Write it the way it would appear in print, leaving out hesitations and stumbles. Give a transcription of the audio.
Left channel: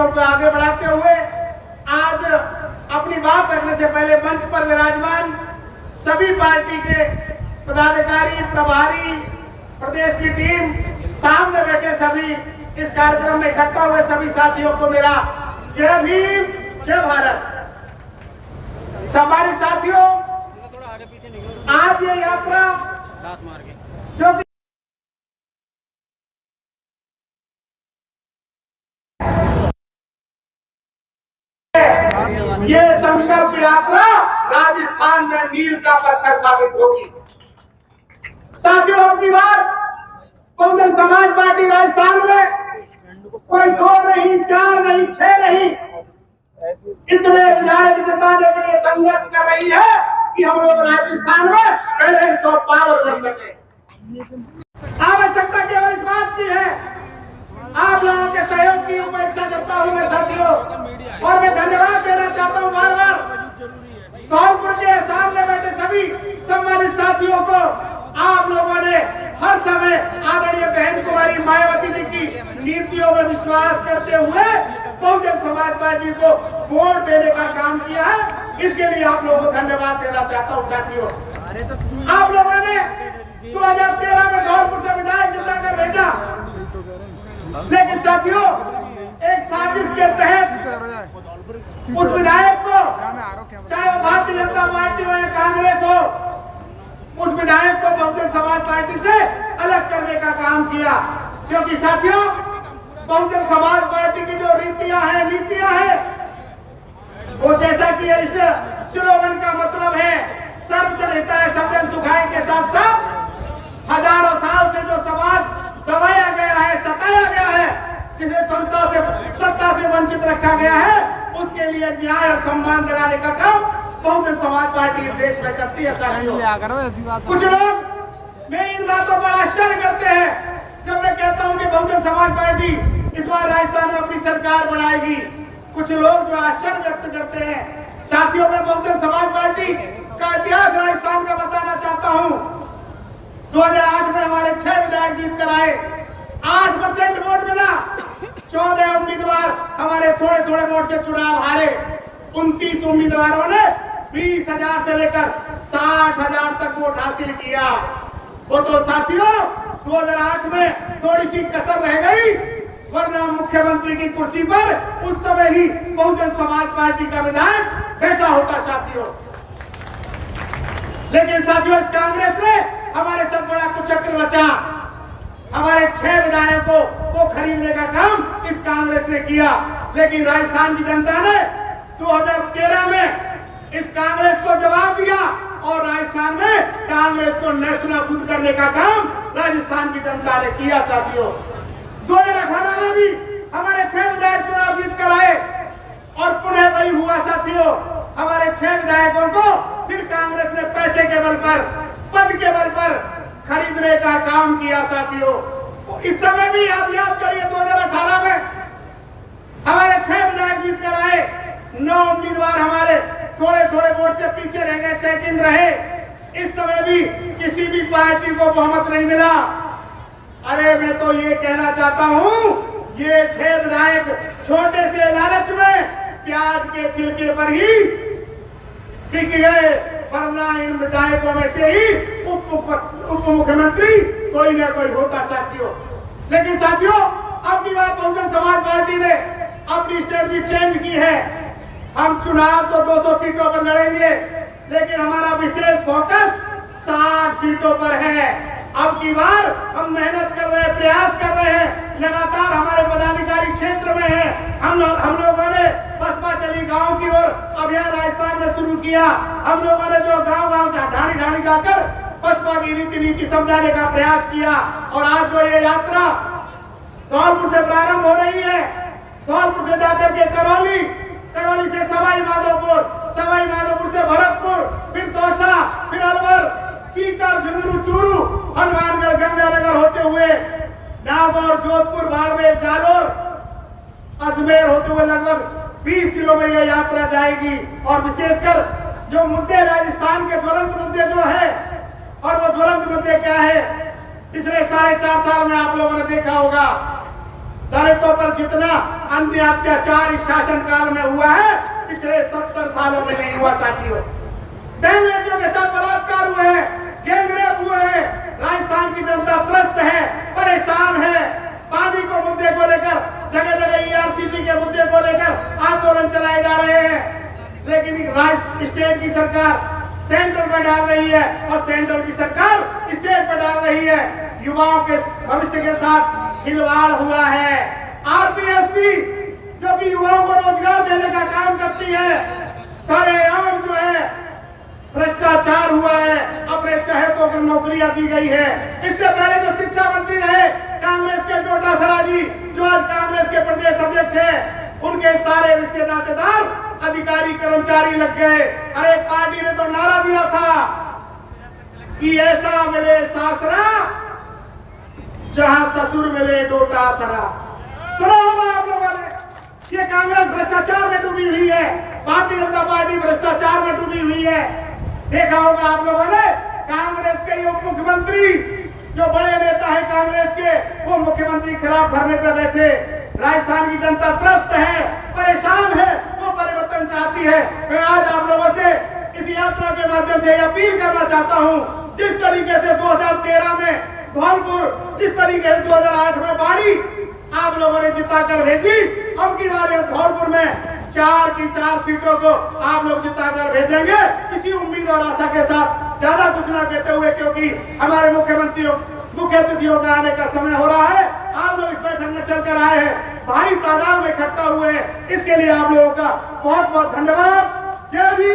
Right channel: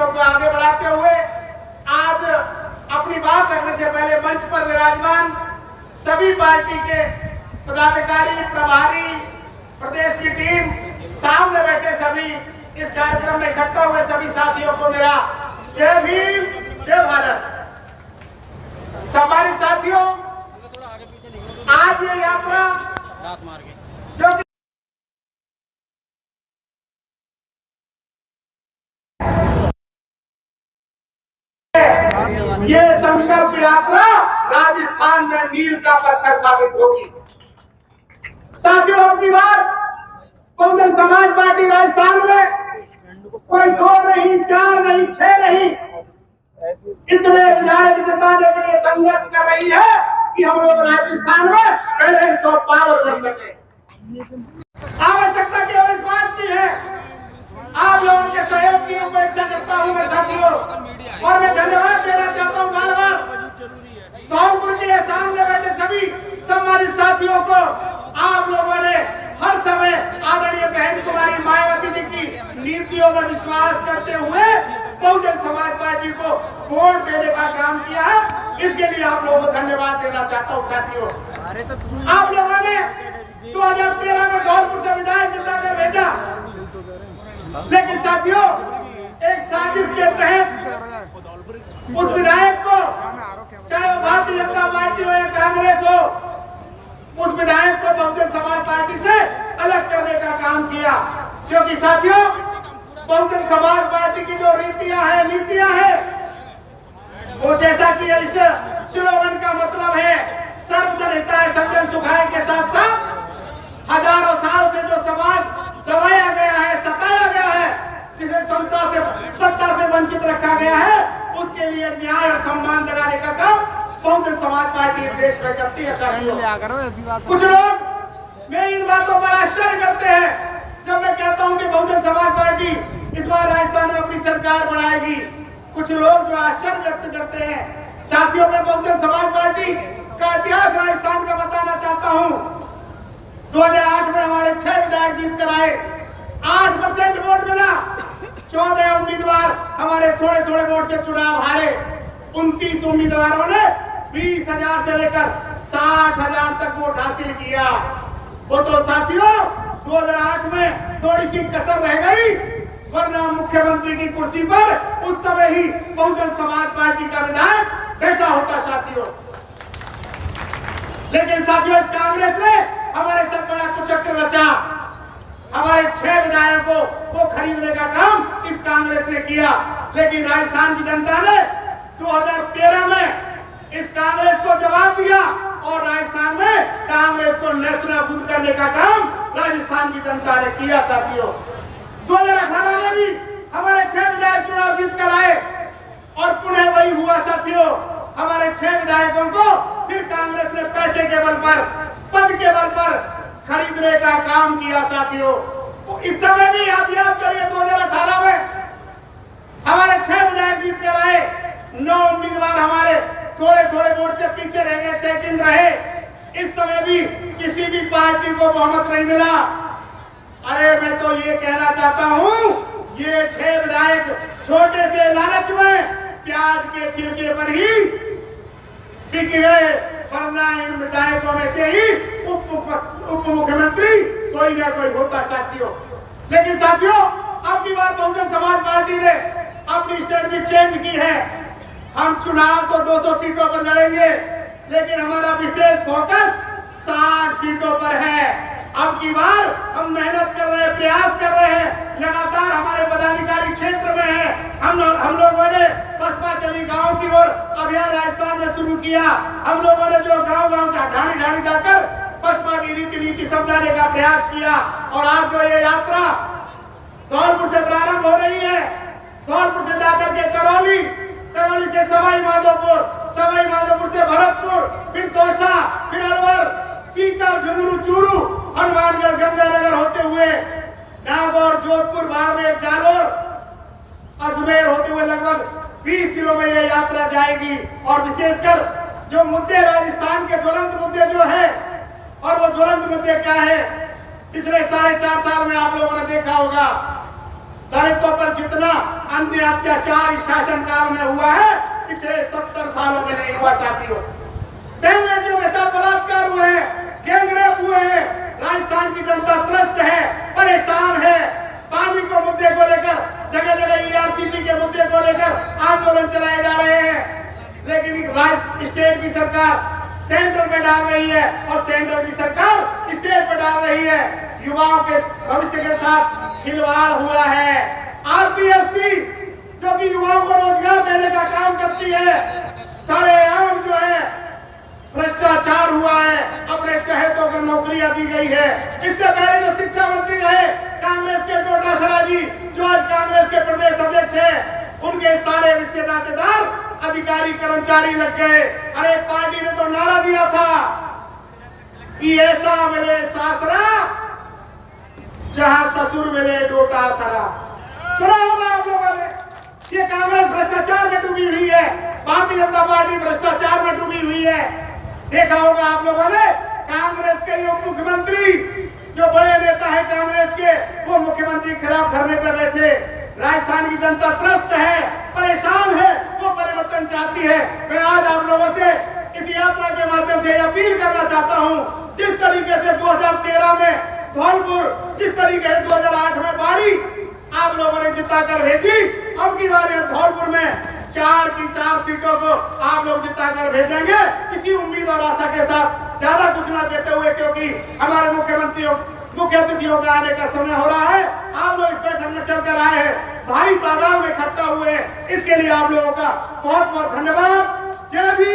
चीजों को आगे बढ़ाते हुए आज अपनी बात रखने से पहले मंच पर विराजमान सभी पार्टी के पदाधिकारी, प्रभारी, प्रदेश की टीम, सामने बैठे सभी, इस कार्यक्रम में इकट्ठा हुए सभी साथियों को मेरा जय भीम, जय भारत। सम्मानित साथियों, आज ये यात्रा जो ये संकल्प यात्रा राजस्थान में मील का पत्थर साबित होगी। साथियों, अपनी बार बहुजन समाज पार्टी राजस्थान में कोई 2 नहीं, 4 नहीं, 6 नहीं, इतने विधायक जिताने के लिए संघर्ष कर रही है कि हम लोग राजस्थान में बैलेंस ऑफ पावर बन सके। आवश्यकता केवल इस बात की है, आप लोगों के सहयोग की उपेक्षा करता हूं मैं साथियों, और मैं धन्यवाद देना चाहता हूं बार बार धौलपुर के सामने बैठे सभी सम्मानित साथियों को। आप लोगों ने हर समय आदरणीय बहन कुमारी मायावती जी की नीतियों में विश्वास करते हुए बहुजन समाज पार्टी को वोट देने का काम किया है। इसके लिए आप लोगों को धन्यवाद देना चाहता हूँ साथियों। आप लोगों ने 2013 में धौलपुर से विधायक जिताकर भेजा, लेकिन साथियों एक साजिश के तहत उस विधायक को, चाहे वो भारतीय जनता पार्टी हो या कांग्रेस हो, उस विधायक को बहुजन समाज पार्टी से अलग करने का काम किया। क्योंकि साथियों बहुजन समाज पार्टी की जो रीतियां हैं, नीतियां हैं, वो जैसा कि इस स्लोगन का मतलब है सर्वजन हिताय सर्वजन सुखाय के साथ साथ हजारों साल से जो समाज दबाया गया है, सताया गया है, जिसे सत्ता से वंचित रखा गया है, उसके लिए न्याय और सम्मान दिलाने का काम बहुजन समाज पार्टी इस देश में करती है साथियों। कुछ लोग मैं इन बातों पर आश्चर्य करते हैं जब मैं कहता हूं कि बहुजन समाज पार्टी इस बार राजस्थान में अपनी सरकार बनाएगी। कुछ लोग जो आश्चर्य व्यक्त करते हैं साथियों, मैं बहुजन समाज पार्टी का इतिहास राजस्थान का बताना चाहता हूं। 2008 में हमारे 6 विधायक जीत कर आए, 8% वोट मिला, 14 उम्मीदवार हमारे थोड़े थोड़े वोट से चुनाव हारे। 29 उम्मीदवारों ने 20,000 से लेकर 60,000 तक वोट हासिल किया। वो तो साथियों 2008 में थोड़ी सी कसर रह गई, वरना मुख्यमंत्री की कुर्सी पर उस समय ही बहुजन समाज पार्टी का विधायक बैठा होता साथियों। लेकिन साथियों इस कांग्रेस ने हमारे साथ बड़ा कुचक्र रचा। हमारे 6 विधायकों को खरीदने का काम इस कांग्रेस ने किया। लेकिन राजस्थान की जनता ने 2013 में इस कांग्रेस को जवाब दिया और राजस्थान में कांग्रेस को नेस्तनाबूद करने का काम राजस्थान की जनता ने किया साथियों। 2018 में भी हमारे 6 विधायक चुनाव जीत कर आए और पुनः वही हुआ साथियों। हमारे 6 विधायकों को फिर कांग्रेस ने पैसे के बल पर, पद के बल पर खरीदने का काम किया साथियों। इस समय भी आप याद करिए 2018 में हमारे 6 विधायक जीत कर आए, 9 उम्मीदवार हमारे थोड़े थोड़े वोट से पीछे रह गए, सेकंड रहे। इस समय भी किसी भी पार्टी को बहुमत नहीं मिला। अरे मैं तो ये कहना चाहता हूँ, ये 6 विधायक छोटे से लालच में प्याज के छिलके पर ही बिक गए, वरना इन विधायकों में से ही उप मुख्यमंत्री कोई ना कोई होता साथियों। लेकिन साथियों अब की बात बहुजन समाज पार्टी ने अपनी स्ट्रेटजी चेंज की है। हम चुनाव तो 200 सीटों पर लड़ेंगे, लेकिन हमारा विशेष फोकस 60 सीटों पर है। अब की बार हम मेहनत कर रहे हैं, प्रयास कर रहे हैं, लगातार हमारे पदाधिकारी क्षेत्र में हैं। हम लोगों ने बसपा चली गांव की ओर अभियान राजस्थान में शुरू किया। हम लोगों ने जो गांव ढाणी ढाणी जाकर बसपा की रीति नीति समझाने का प्रयास किया। और आज जो ये यात्रा धौलपुर से प्रारंभ हो रही है, धौलपुर से जाकर के करौली से सवाई माधोपुर से भरतपुर, फिर दौसा, फिर अलवर, सीकर, झुंझुनू, चूरू, हनुमानगढ़, गंगानगर होते हुए नागौर, जोधपुर, बाड़मेर, जालोर, अजमेर होते हुए लगभग 20 किलो में यह यात्रा जाएगी। और विशेषकर जो मुद्दे राजस्थान के ज्वलंत मुद्दे जो है, और वो ज्वलंत मुद्दे क्या है, पिछले 4.5 साल में आप लोगों ने देखा होगा दलितों पर जितना अन्य अत्याचार इस शासनकाल में हुआ है, पिछले 70 सालों में नहीं हुआ साथियों। बहन बेटियों के साथ बलात्कार हुए हैं, गैंगरेप हुए हैं। राजस्थान की जनता त्रस्त है, परेशान है। पानी को मुद्दे को लेकर जगह जगह ईआरसीपी के मुद्दे को लेकर आंदोलन चलाए जा रहे हैं, लेकिन स्टेट की सरकार सेंट्रल में डाल रही है और सेंट्रल की सरकार स्टेट पर डाल रही है। युवाओं के भविष्य के साथ खिलवाड़ हुआ है। आरपीएससी जो कि युवाओं को रोजगार देने का काम करती है, सरेआम जो है भ्रष्टाचार हुआ है, अपने चहेतों को नौकरियां दी गई है। इससे पहले जो शिक्षा मंत्री रहे कांग्रेस के डोटासरा जी, जो आज कांग्रेस के प्रदेश अध्यक्ष है, उनके सारे रिश्ते नातेदार अधिकारी कर्मचारी लग गए। अरे पार्टी ने तो नारा दिया था कि ऐसा मिले सासरा जहां ससुर मिले डोटासरा। सुना होगा आप लोगों ने, ये कांग्रेस भ्रष्टाचार में डूबी हुई है, भारतीय जनता पार्टी भ्रष्टाचार में डूबी हुई है। देखा होगा आप लोगों ने, कांग्रेस के उप मुख्यमंत्री जो बड़े नेता है कांग्रेस के, वो मुख्यमंत्री खिलाफ धरने पर बैठे। राजस्थान की जनता त्रस्त है, परेशान है, वो परिवर्तन चाहती है। मैं आज आप लोगों से इस यात्रा के माध्यम से अपील करना चाहता हूं, जिस तरीके से 2013 में धौलपुर, जिस तरीके से 2008 में बाड़ी आप लोगों ने जिता कर भेजी, अब की बार धौलपुर में 4 की 4 सीटों को आप लोग जिता कर भेजेंगे। इसी उम्मीद और आशा के साथ ज्यादा कुछ न कहते हुए, क्योंकि हमारे मुख्य अतिथियों का आने का समय हो रहा है। आप लोग इस बैठक में चलकर आए हैं, भारी तादाद में इकट्ठा हुए हैं, इसके लिए आप लोगों का बहुत बहुत धन्यवाद। जय भीम।